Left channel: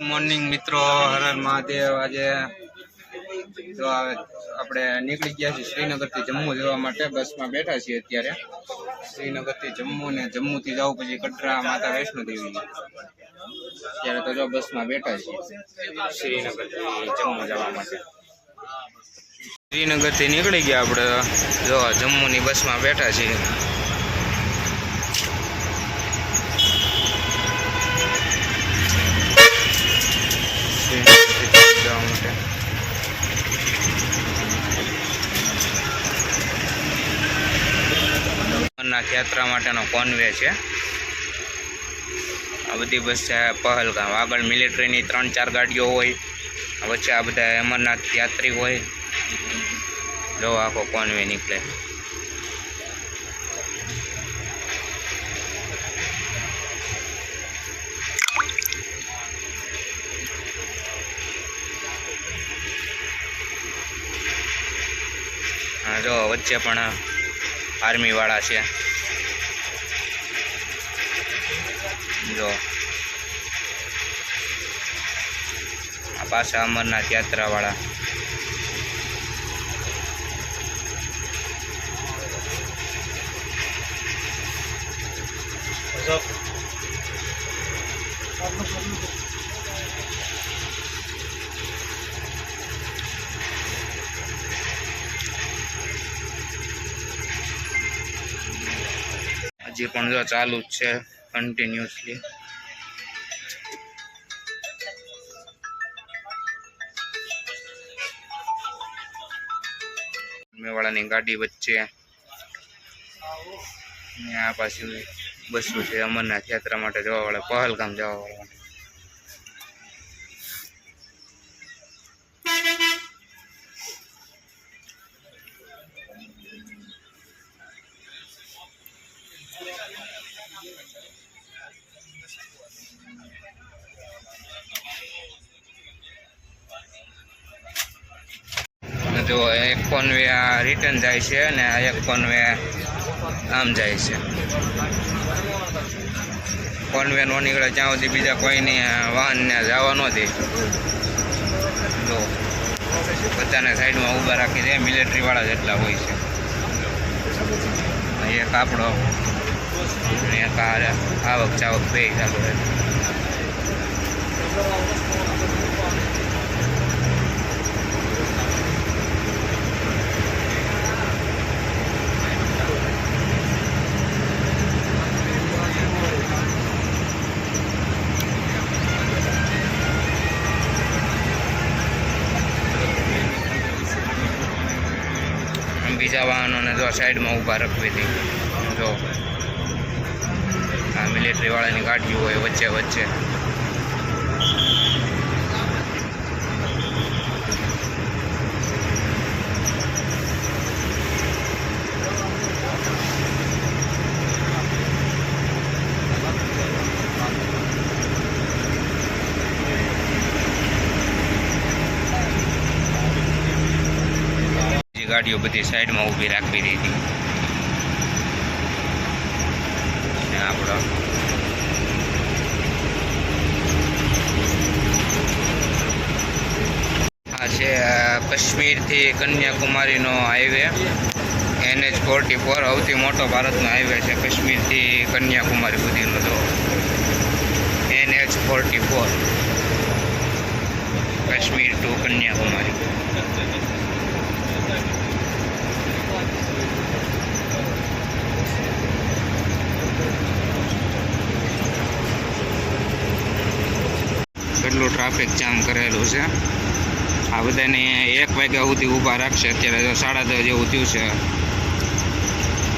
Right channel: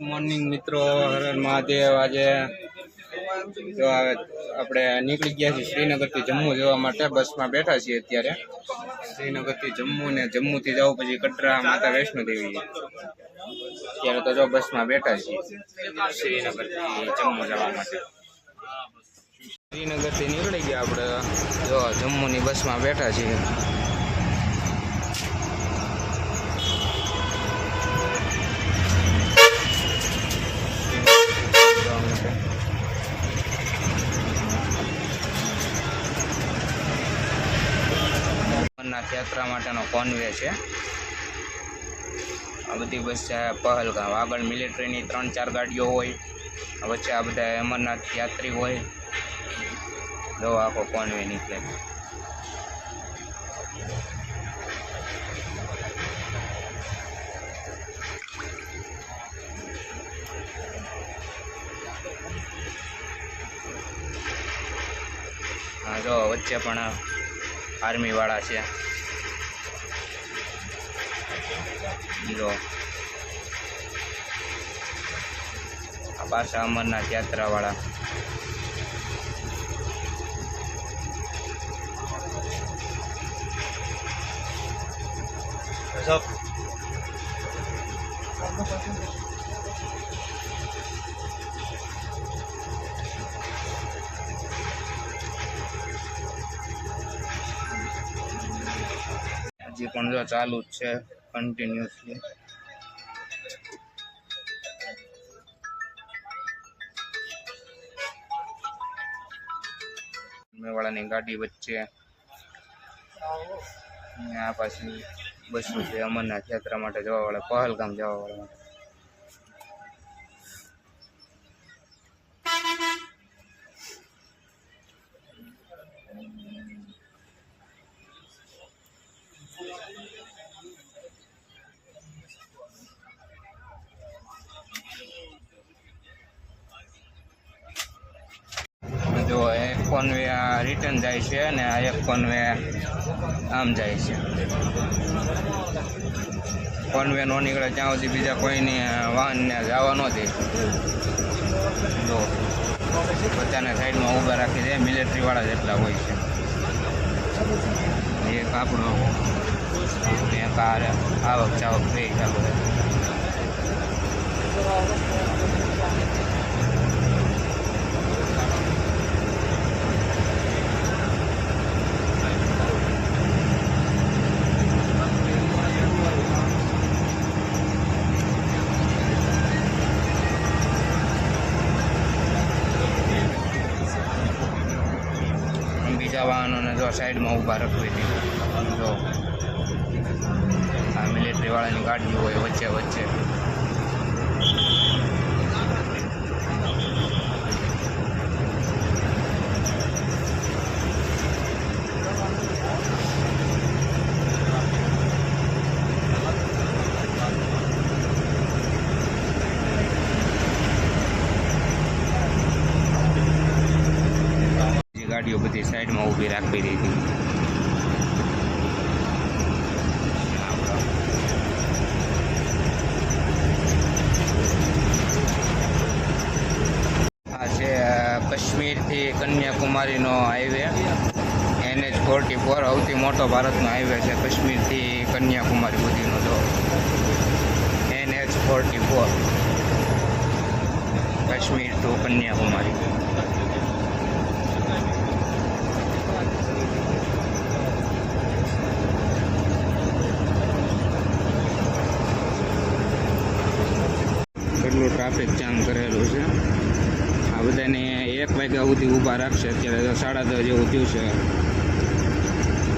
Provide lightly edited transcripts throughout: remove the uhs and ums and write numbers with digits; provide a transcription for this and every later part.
મોર્નિંગ મિત્રો, હર હર મહાદેવ। આજે તો આપણે નીકળી ગયા છીએ શ્રીનગરથી જમ્મુ જવા માટે। બસમાં બેઠા છીએ અત્યારે। શ્રીનગરથી જમ્મુ ને જમ્મુથી જવું પછી કટરા માતા વૈષ્ણો દેવી। અત્યારે તો જો બસમાં બેઠા છીએ શ્રીનગરથી જમ્મુ જવા માટે। શ્રીનગરથી નીકળી ગયા આપણે, જો જમ્મુની બસમાં બેઠા છીએ। અમરનાથ યાત્રા માટેનો કોન્વે છે આ બધી બસ છે। પહલગામ આગળ મિલિટરીની 3-4 ગાડીઓ હોય, વચ્ચે આ બધા અમરનાથ યાત્રી હોય। જો આખો કોન્વે નીકળે। હા જો વચ્ચે પણ આર્મી વાળા છે। જો આ પાછા અમરનાથ યાત્રા વાળા। હજી પણ જો ચાલુ જ છે કન્ટિન્યુઅસલી। મેવાડાની ગાડી વચ્ચે આ પાછું બસો છે અમરનાથ યાત્રા માટે જવા વાળા, પહલગામ જવા વાળા માટે। જો એક કોન્વે આ રિટર્ન જાય છે અને આ એક કોન્વે આમ જાય છે। કોન્વે નો નીકળે ત્યાં સુધી બીજા કોઈની વાહનને જવા ન દે। જો બધાને સાઈડમાં ઊભા રાખી દે, મિલિટરી વાળા જેટલા હોય છે। એક આપણો એક આવક જાવક બે ચાલુ છે। બીજા વાહનોને જો સાઈડમાં ઊભા રાખવી હતી। જો આ મિલિટરી વાળાની ગાડીઓ હોય વચ્ચે વચ્ચે। ગાડીઓ બધી સાઈડમાં ઊભી રાખવી દીધી। આપણો આ છે કાશ્મીરથી કન્યાકુમારીનો હાઈવે NH44। સૌથી મોટો ભારતનો હાઈવે છે કાશ્મીરથી કન્યાકુમારી સુધીનો। જો NH44 કાશ્મીર ટુ કન્યાકુમારી। કેટલું ટ્રાફિક જામ કરેલું છે। આ બધાને 1 વાગ્યા સુધી ઊભા રાખશે। અત્યારે તો 10:30 જેવું થયું છે,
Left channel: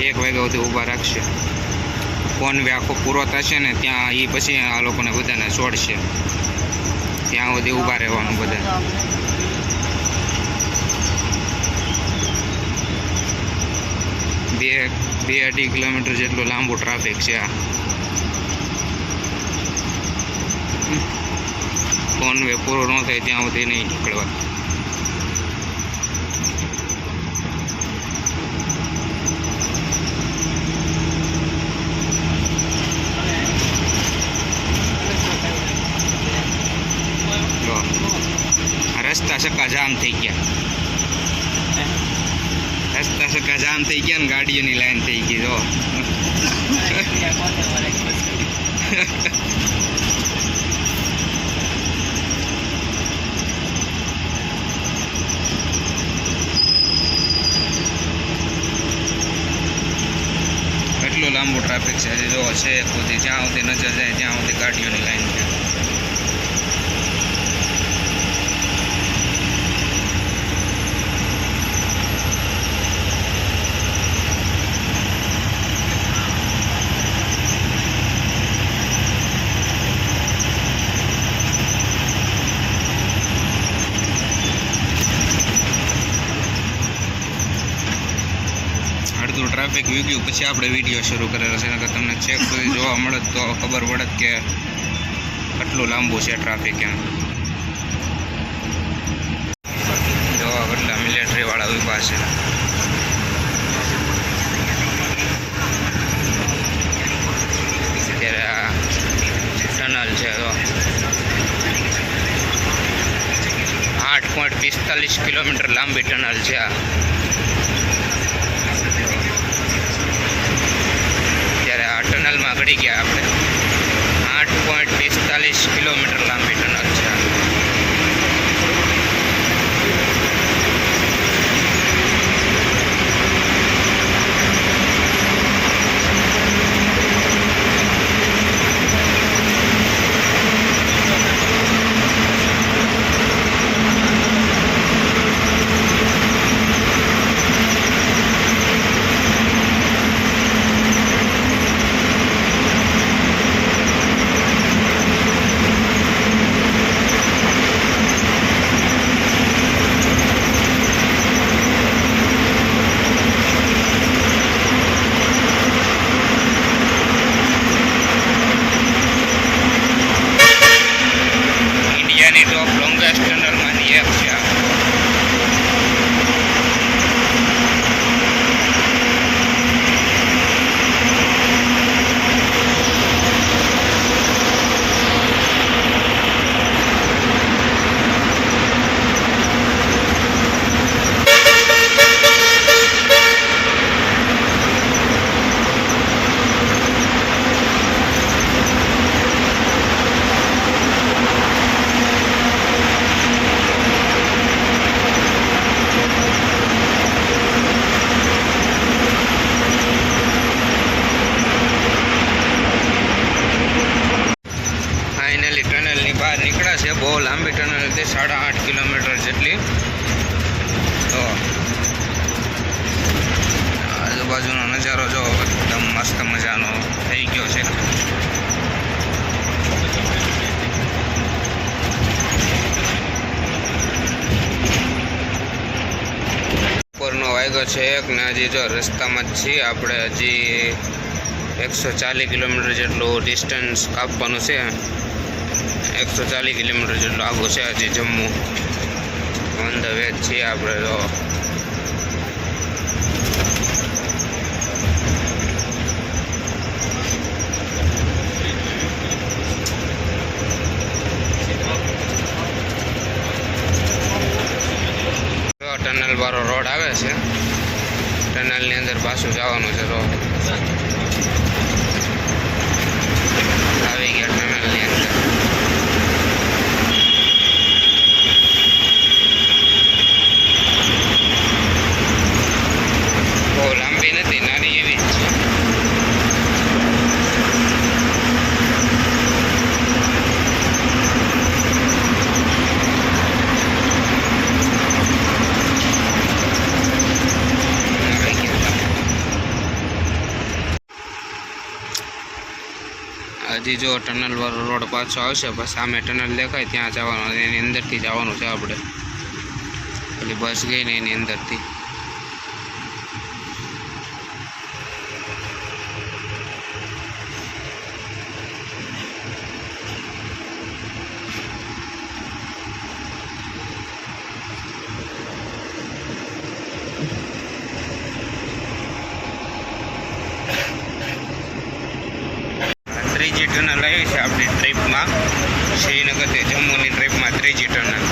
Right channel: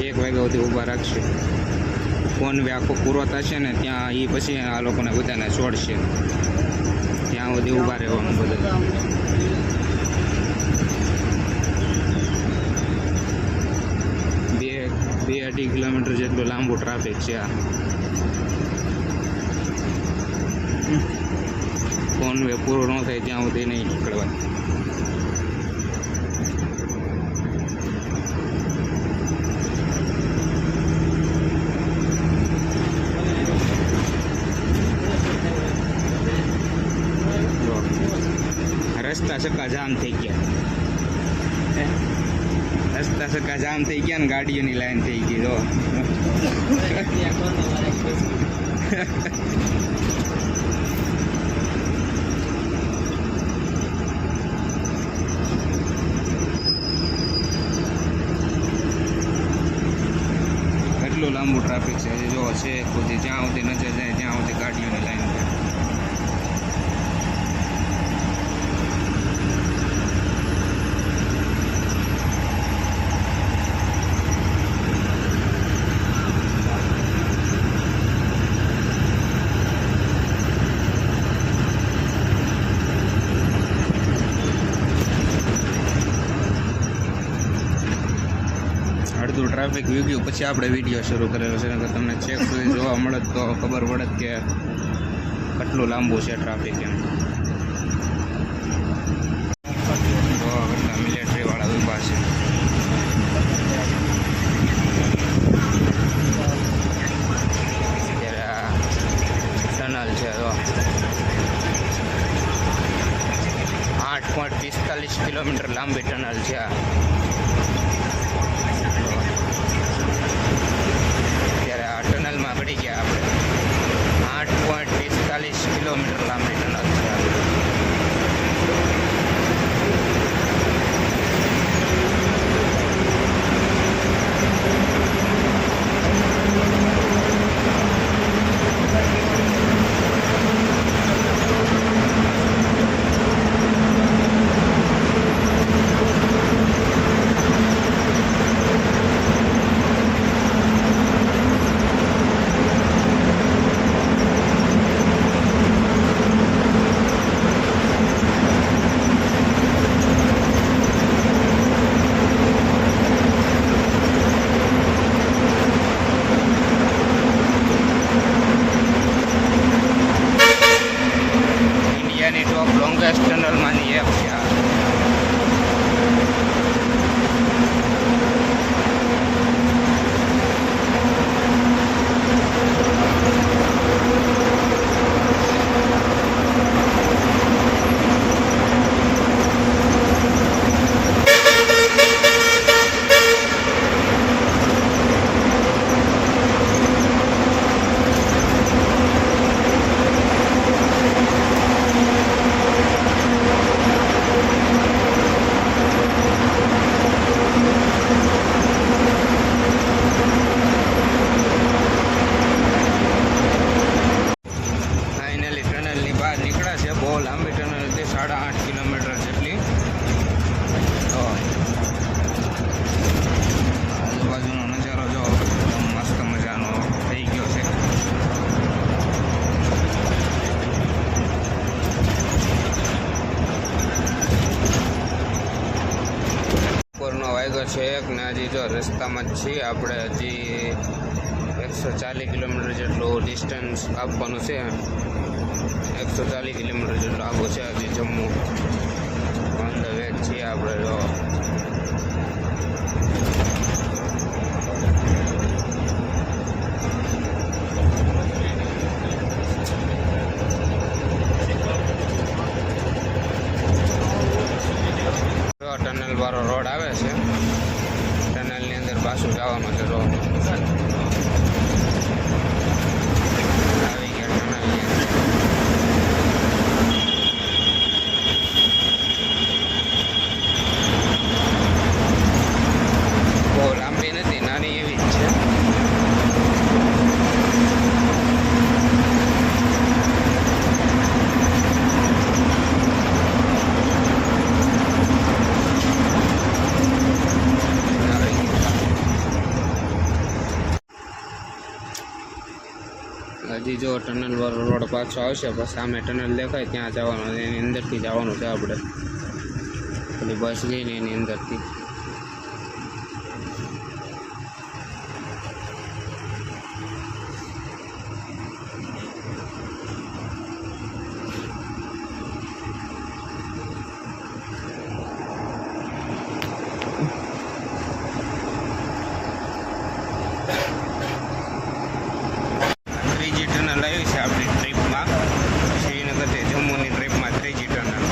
1 વાગ્યા સુધી ઊભા રાખશે। કોન્વે આખો પૂરો થશે ને ત્યાં એ પછી આ લોકોને બધાને છોડશે, ત્યાં સુધી ઊભા રહેવાનું બધા। 2-2.5 કિલોમીટર જેટલું લાંબુ ટ્રાફિક છે આ। કોન્વે પૂરો ન થાય ત્યાં સુધી નહીં નીકળવા। રસ્તા સક્કા જામ થઈ ગયા, રસ્તા સક્કા જામ થઈ ગયા ને ગાડીઓની લાઈન થઈ ગઈ. જો કેટલું લાંબુ ટ્રાફિક છે. જો છે સુધી જ્યાં સુધી નજર જાય ત્યાં સુધી ગાડીઓની લાઈન છે. અડધું ટ્રાફિક વીગ્યું પછી આપણે વિડીયો શરૂ કરેલો છે, કે તમને ચેક સુધી જોવા મળે તો ખબર પડે કે કેટલું લાંબુ છે ટ્રાફિક. એમ જોવા કેટલા મિલિટરી વાળા ઊભા છે. અત્યારે આ ટનલ છે. તો 8.45 કિલોમીટર લાંબી ટનલ છે આ. આ ટનલમાં ગળી ગયા આપણે. 8.45 કિલોમીટર લાંબી ટનલ છે આ. ઇન્ડિયાની ટોપ લોંગેસ્ટ ટનલમાંની એક છે આ. ટનલની બહાર નીકળ્યા છે. બહુ લાંબી ટનલ હતી, 8.5 કિલોમીટર જેટલી. તો આજુબાજુનો નજારો જો એકદમ મસ્ત મજાનો થઈ ગયો છે. બપોરનો વાગ્યો છે 1 ને હજી જો રસ્તામાં જ છીએ આપણે. હજી 140 કિલોમીટર જેટલું ડિસ્ટન્સ કાપવાનું છે. 140 કિલોમીટર જેટલું આગું છે હજી જમ્મુ. ઓન ધ વે છીએ આપણે. તો ટનલ વાળો રોડ આવે છે. ટનલની અંદર પાછું જવાનું છે. તો આવી ગયા ટનલની અંદર. બહુ લાંબી નથી, નાની એવી જ છે. હજી જો ટનલ વાળો રોડ પાછો આવશે, બસ સામે ટનલ દેખાય ત્યાં જવાનું. એની અંદરથી જવાનું છે આપણે. પેલી બસ ગઈ ને એની અંદરથી. ત્રીજી ટનલ આવી છે આપણી ટ્રીપમાં. શ્રીનગરથી જમ્મુની ટ્રીપમાં ત્રીજી ટનલ.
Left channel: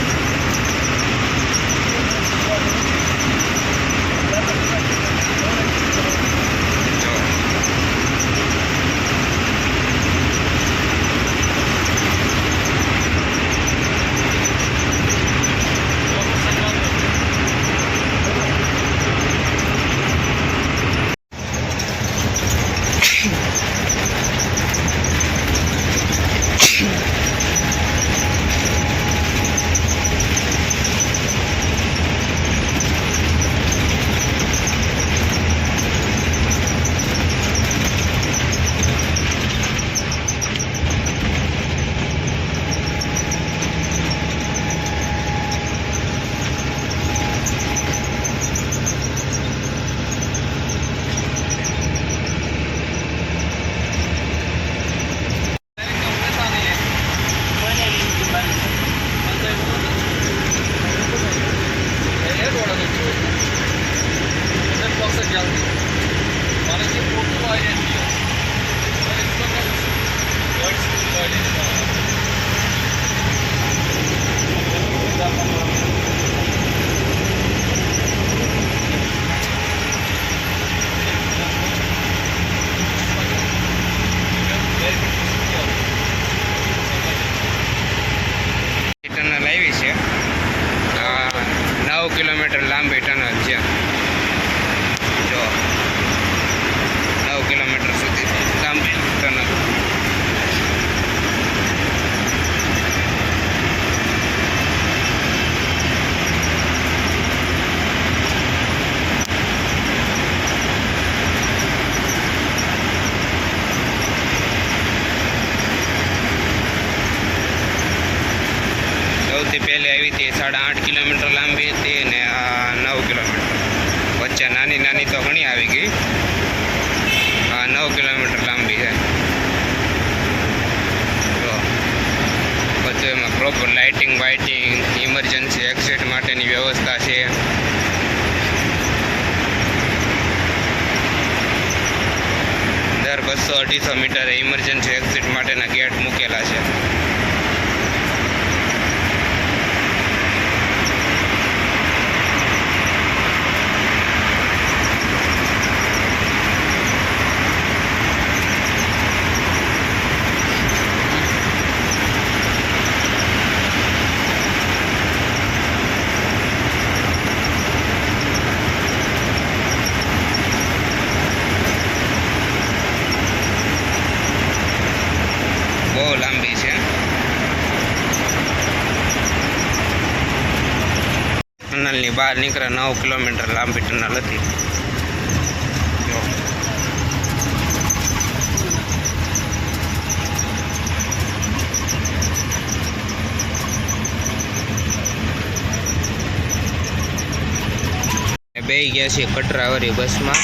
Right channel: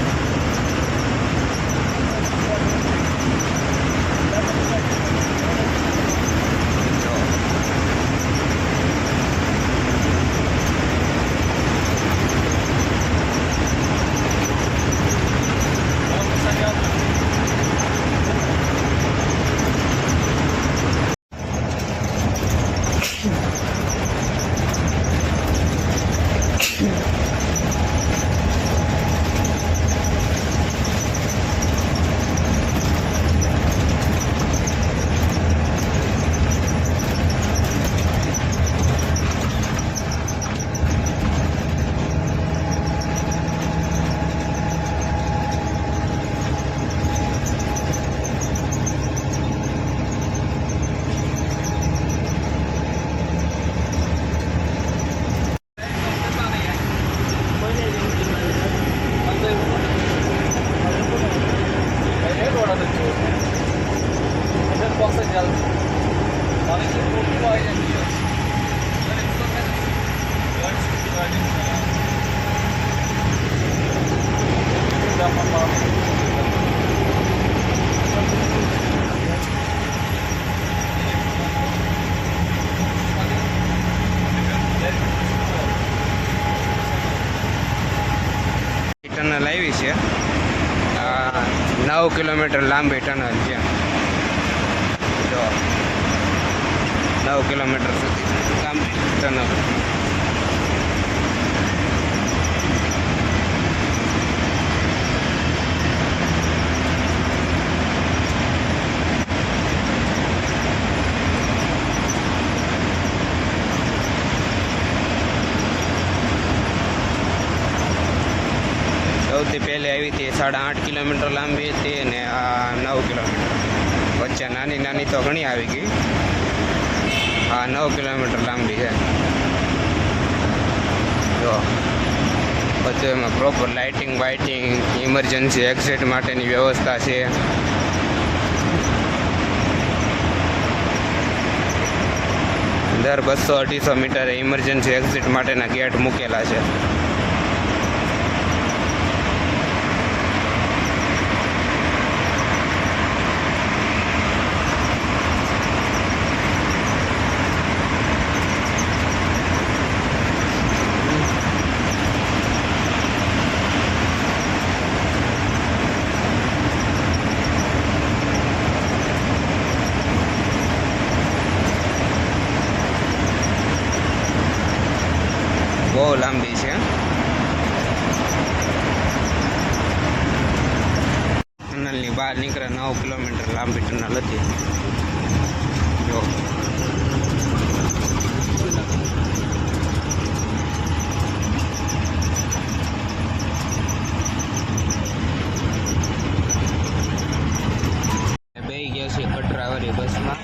ટનલ આવી છે. આ 9 કિલોમીટર લાંબી ટનલ છે. જો 9 કિલોમીટર સુધી લાંબી ટનલ. સૌથી પહેલી આવી હતી 8.5 કિલોમીટર લાંબી હતી ને આ 9 કિલોમીટર વચ્ચે નાની નાની તો ઘણી આવી ગઈ. આ 9 કિલોમીટર લાંબી છે. જો બધું એમાં પ્રોપર લાઇટિંગ વાઇટિંગ ઇમરજન્સી એક્ઝિટ માટેની વ્યવસ્થા છે. દર 200-250 મીટરે ઇમરજન્સી એક્ઝિટ માટેના ગેટ મૂકેલા છે. બહુ લાંબી છે. ટનલની બહાર નીકળે 9 કિલોમીટર લાંબી ટનલ હતી. જો બે ગયા છે કટરાવાળી બસમાં.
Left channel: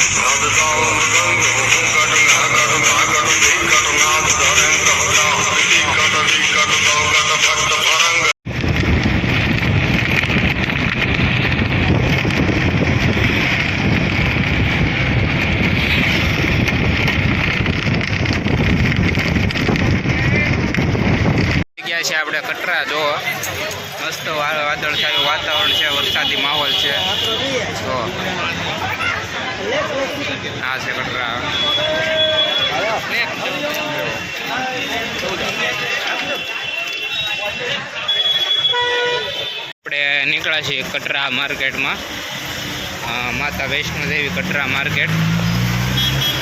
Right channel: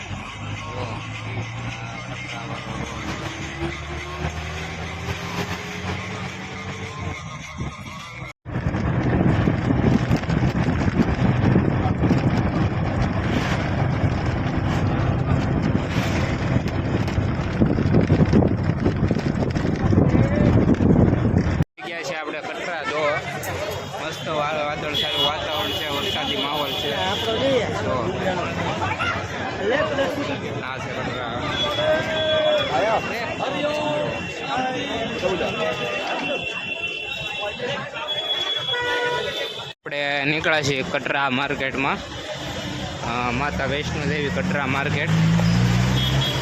છે આપણે કટરા. જો મસ્ત વાદળછાયું વાતાવરણ છે, વરસાદી માહોલ છે. જો આ છે કટરા. આપણે નીકળ્યા છીએ કટરા માર્કેટમાં. માતા વૈષ્ણોદેવી કટરા માર્કેટ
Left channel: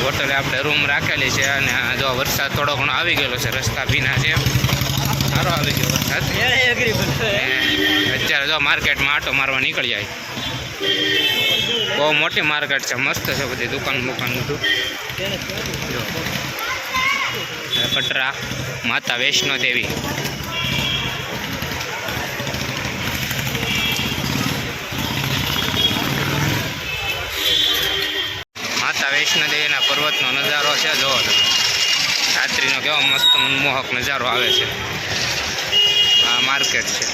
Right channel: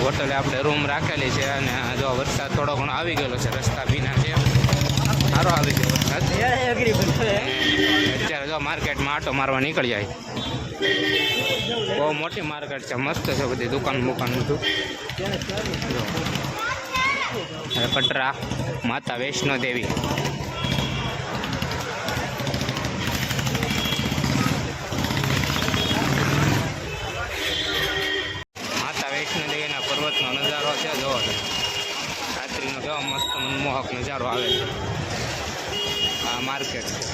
હોટલે આપણે રૂમ રાખેલી છે. અને જો વરસાદ થોડો ઘણો આવી ગયેલો છે, રસ્તા ભીના છે. સારો આવી ગયો વરસાદ. અત્યારે જો માર્કેટમાં આટો મારવા નીકળી જાય. બહુ મોટી માર્કેટ છે, મસ્ત છે બધી દુકાન બુકાન બધું. જો કટરા માતા વૈષ્ણોદેવી. માતા વૈષ્ણોદેવીના પર્વતનો નજારો છે. જોવો તમે રાત્રિનો કેવો મસ્ત મનમોહક નજારો આવે છે. આ માર્કેટ છે.